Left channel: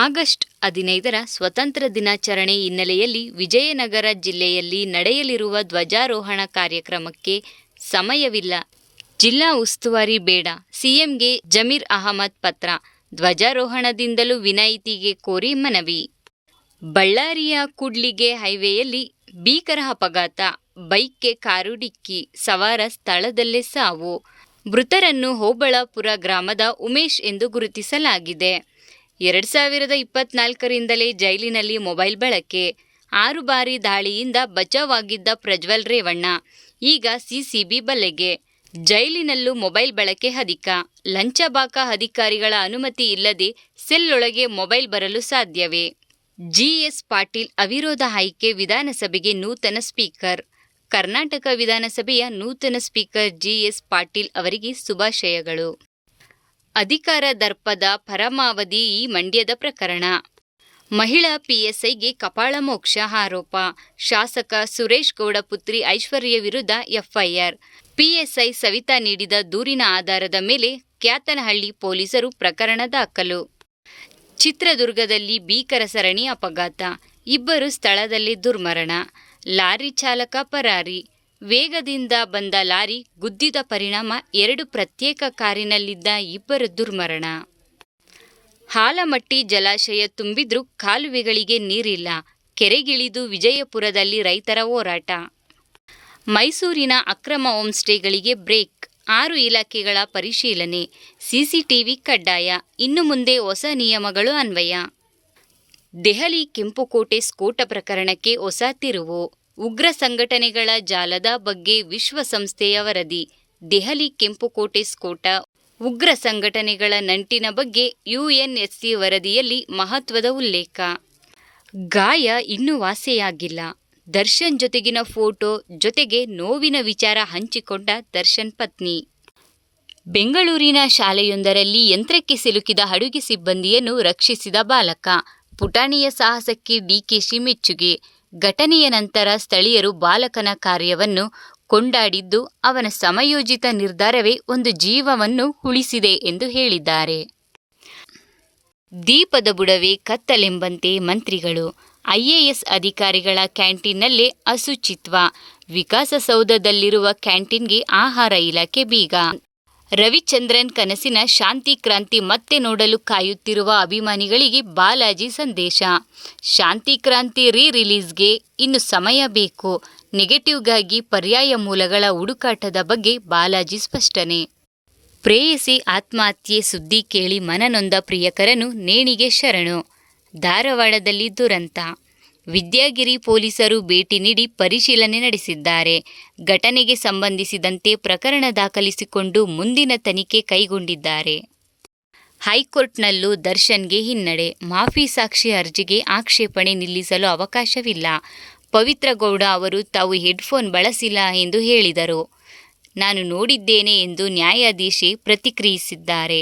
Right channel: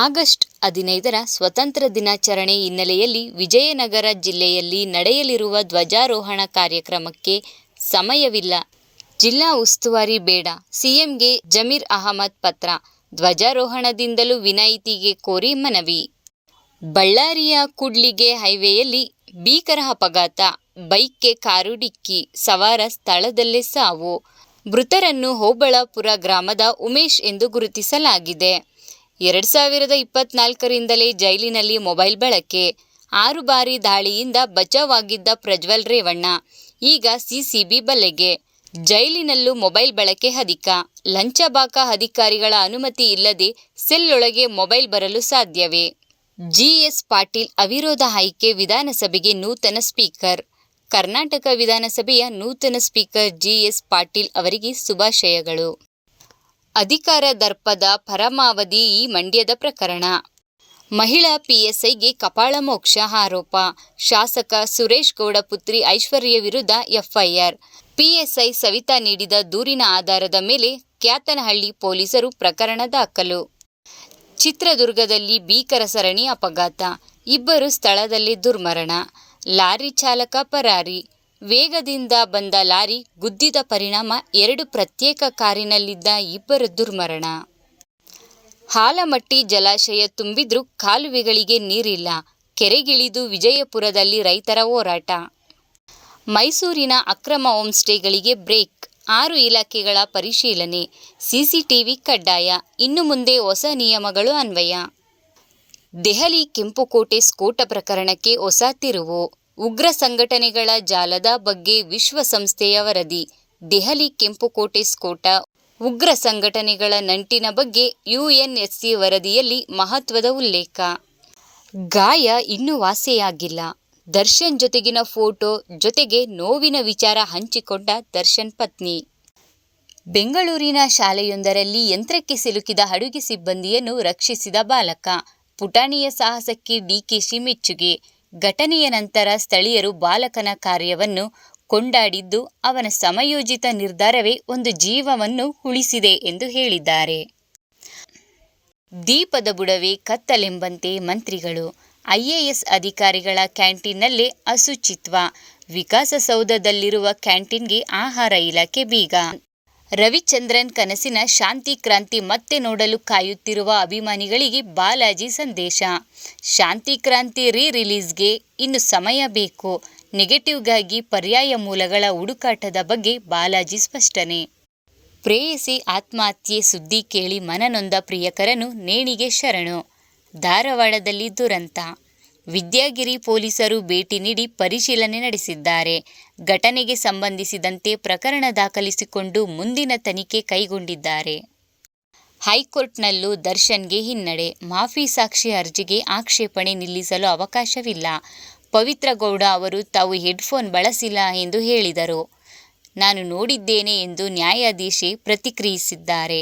August 15ರ ಸ್ವತಂತ್ರ ದಿನಾಚರಣೆ ಹಿನ್ನೆಲೆಯಲ್ಲಿ ವಿಜಯನಗರ ಜಿಲ್ಲೆಯಲ್ಲಿ ನಡೆಯಲಿರುವ ಧ್ವಜಾರೋಹಣ ಕಾರ್ಯಕ್ರಮಕ್ಕೆ ಸಮಯವಿಲ್ಲ. ಜಿಲ್ಲಾ ಉಸ್ತುವಾರಿ ಬೇಡ. ಸಿಎಂಗೆ ಜಮೀರ್ ಅಹಮದ್ ಪತ್ರ. ಧ್ವಜಾರೋಹಣದಿಂದಲೂ ವಿನಾಯಿತಿಗೆ ಕೋರಿ ಮನವಿ. ಬಳ್ಳಾರಿಯ ಕೂಡ್ಲಿಗೆ ಹೈವೇಯಲ್ಲಿ ಭೀಕರ ಅಪಘಾತ. ಬೈಕ್ಗೆ ಕಾರು ಡಿಕ್ಕಿ. ಸವಾರ ಸ್ಥಳದಲ್ಲೇ ಸಾವು. ಮೃತರನ್ನು ಹೋಬಳಾಪುರ ಗ್ರಾಮದ ಉಮೇಶ್ ಎಂದು ಗುರುತಿಸಲಾಗಿದೆ. 2024ರಿಂದಲೇ ಜೈಲಿನಲ್ಲಿ ಮೊಬೈಲ್ ಬಳಕೆ. 6 ಬಾರಿ ದಾಳಿಯಿಂದ ಬಚಾವಾಗಿದ್ದ ಪ್ರಜ್ವಲ್ ರೇವಣ್ಣ ಈಗ ಸಿಸಿಬಿ ಬಲೆಗೆ. ಜೈಲಿನಲ್ಲೂ ಮೊಬೈಲ್ ಬಳಕೆ ಅಧಿಕ. ಲಂಚಬಾಕ ಅಧಿಕಾರಿಗಳ ಅನುಮತಿ ಇಲ್ಲದೆ ಸೆಲ್ ಒಳಗೆ ಮೊಬೈಲ್ ಬರಲು ಸಾಧ್ಯವೇ? ಜಿಎಸ್ ಪಾಟೀಲ್ ಅವಿರೋಧ ಆಯ್ಕೆ. ವಿಧಾನಸಭೆಗೆ ನೂತನ ಸ್ಪೀಕರ್. ಕರ್ನಾಟಕ ವಿಧಾನಸಭೆಯ ನೂತನ ಸ್ಪೀಕರ್ ಜಿಎಸ್ ಪಾಟೀಲ್ ಅವರಿಗೆ ಶುಭಾಶಯಗಳು. ಅಧಿಕಾರ ದರ್ಪದ ಪರಮಾವಧಿ. ಈ ಮಂಡ್ಯದ ಪ್ರಕರಣ. ಮಹಿಳಾ ಪಿಎಸ್ಐಗೆ ಕಪಾಳಮೋಕ್ಷ ಆರೋಪ. ಶಾಸಕ ಸುರೇಶ್ ಗೌಡ ಪುತ್ರಿ ಐಶ್ವರ್ಯ ವಿರುದ್ಧ ಎಫ್ಐಆರ್. ಪಿಎಸ್ಐ ಸವಿತಾ ನೀಡಿದ ದೂರಿನ ಆಧಾರದ ಮೇಲೆ ಕ್ಯಾತನಹಳ್ಳಿ ಪೊಲೀಸರು ಪ್ರಕರಣ ದಾಖಲು. ಚಿತ್ರದುರ್ಗದಲ್ಲಿ ಭೀಕರ ಸರಣಿ ಅಪಘಾತ. 2 ಸ್ಥಳದಲ್ಲಿ ದುರ್ಮರಣ. ಲಾರಿ ಚಾಲಕ ಪರಾರಿ. ವೇಗದಿಂದ ಬಂದ ಲಾರಿ ಗುದ್ದಿದ ಪರಿಣಾಮ 2 ಪ್ರತ್ಯೇಕ ಕಾರಿನಲ್ಲಿದ್ದ 2 ದುರ್ಮರಣ. ಹಾಲಮಟ್ಟಿ ಜಲಾಶಯ ತುಂಬಿದ್ರೂ ಕಾಲುವೆಗಳಿಗೆ ನೀರಿಲ್ಲ. ಕೆರೆಗಿಳಿದು ವಿಜಯಪುರದಲ್ಲಿ ರೈತರ ಹೋರಾಟ. ಮೈಸೂರಿನ ಅಕ್ರಮ ಹೋಂಸ್ಟೇಗಳಿಗೆ ಬ್ರೇಕ್. 6 ಇಲಾಖೆಗಳ ಪರಿಶೀಲನೆ. ಸಿಸಿಟಿವಿ ಕಡ್ಡಾಯ. ಇನ್ನು ಮುಂದೆ ಹೊಸ ನಿಯಮಗಳು ಅನ್ವಯ. ದೆಹಲಿ ಕೆಂಪುಕೋಟೆ ಸ್ಫೋಟ ಪ್ರಕರಣಕ್ಕೆ ಹೊಸ ತಿರುವು. ಉಗ್ರ ಸಂಘಟನೆಗಳ ಜಾಲದ ಬಗ್ಗೆ ವಿಶ್ವಸಂಸ್ಥೆಯ ವರದಿ. ದೆಹಲಿ ಕೆಂಪುಕೋಟೆ ಸ್ಫೋಟ ಉಗ್ರ ಸಂಘಟನೆಗಳ ನಂಟಿನ ಬಗ್ಗೆ ಯುಎನ್ಎಸ್ಸಿ ವರದಿಯಲ್ಲಿ ಮಹತ್ವದ ಉಲ್ಲೇಖ. ಗಾಯ ಇನ್ನೂ ವಾಸಿಯಾಗಿಲ್ಲ. ದರ್ಶನ್ ಜೊತೆಗಿನ ಫೋಟೋ ಜೊತೆಗೆ ನೋವಿನ ವಿಚಾರ ಹಂಚಿಕೊಂಡ ದರ್ಶನ್ ಪತ್ನಿ. ಬೆಂಗಳೂರಿನ ಶಾಲೆಯೊಂದರಲ್ಲಿ ಯಂತ್ರಕ್ಕೆ ಸಿಲುಕಿದ ಅಡುಗೆ ಸಿಬ್ಬಂದಿಯನ್ನು ರಕ್ಷಿಸಿದ ಬಾಲಕ. ಪುಟಾಣಿಯ ಸಾಹಸಕ್ಕೆ ಡಿಕೆಶಿ ಮೆಚ್ಚುಗೆ. ಘಟನೆಯ ನಂತರ ಸ್ಥಳೀಯರು ಬಾಲಕನ ಕಾರ್ಯವನ್ನು ಕೊಂಡಾಡಿದ್ದು ಅವನ ಸಮಯೋಚಿತ ನಿರ್ಧಾರವೇ ಒಂದು ಜೀವವನ್ನು ಉಳಿಸಿದೆ ಎಂದು ಹೇಳಿದ್ದಾರೆ. ದೀಪದ ಬುಡವೇ ಕತ್ತಲೆಂಬಂತೆ ಮಂತ್ರಿಗಳು. ಐಎಎಸ್ ಅಧಿಕಾರಿಗಳ ಕ್ಯಾಂಟೀನ್ನಲ್ಲೇ ಅಶುಚಿತ್ವ. ವಿಕಾಸಸೌಧದಲ್ಲಿರುವ ಕ್ಯಾಂಟೀನ್ಗೆ ಆಹಾರ ಇಲಾಖೆ ಬೀಗ. ರವಿಚಂದ್ರನ್ ಕನಸಿನ ಶಾಂತಿ ಕ್ರಾಂತಿ ಮತ್ತೆ ನೋಡಲು ಕಾಯುತ್ತಿರುವ ಅಭಿಮಾನಿಗಳಿಗೆ ಬಾಲಾಜಿ ಸಂದೇಶ. ಶಾಂತಿ ಕ್ರಾಂತಿ ರಿಲೀಸ್ಗೆ ಇನ್ನು ಸಮಯ ಬೇಕು. ನೆಗೆಟಿವ್ಗಾಗಿ ಪರ್ಯಾಯ ಮೂಲಗಳ ಹುಡುಕಾಟದ ಬಗ್ಗೆ ಬಾಲಾಜಿ ಸ್ಪಷ್ಟನೆ. ಪ್ರೇಯಸಿ ಆತ್ಮಹತ್ಯೆ ಸುದ್ದಿ ಕೇಳಿ ಮನನೊಂದ ಪ್ರಿಯಕರನು ನೇಣಿಗೆ ಶರಣು. ಧಾರವಾಡದಲ್ಲಿ ದುರಂತ. ವಿದ್ಯಾಗಿರಿ ಪೊಲೀಸರು ಭೇಟಿ ನೀಡಿ ಪರಿಶೀಲನೆ ನಡೆಸಿದ್ದಾರೆ. ಘಟನೆಗೆ ಸಂಬಂಧಿಸಿದಂತೆ ಪ್ರಕರಣ ದಾಖಲಿಸಿಕೊಂಡು ಮುಂದಿನ ತನಿಖೆ ಕೈಗೊಂಡಿದ್ದಾರೆ. ಹೈಕೋರ್ಟ್ನಲ್ಲೂ ದರ್ಶನ್ಗೆ ಹಿನ್ನಡೆ. ಮಾಫಿ ಸಾಕ್ಷಿ ಅರ್ಜಿಗೆ ಆಕ್ಷೇಪಣೆ ನಿಲ್ಲಿಸಲು ಅವಕಾಶವಿಲ್ಲ. ಪವಿತ್ರ ಗೌಡ ಅವರು ತಾವು ಹೆಡ್ಫೋನ್ ಬಳಸಿಲ್ಲ ಎಂದು ಹೇಳಿದರು. ನಾನು ನೋಡಿದ್ದೇನೆ ಎಂದು ನ್ಯಾಯಾಧೀಶೆ ಪ್ರತಿಕ್ರಿಯಿಸಿದ್ದಾರೆ.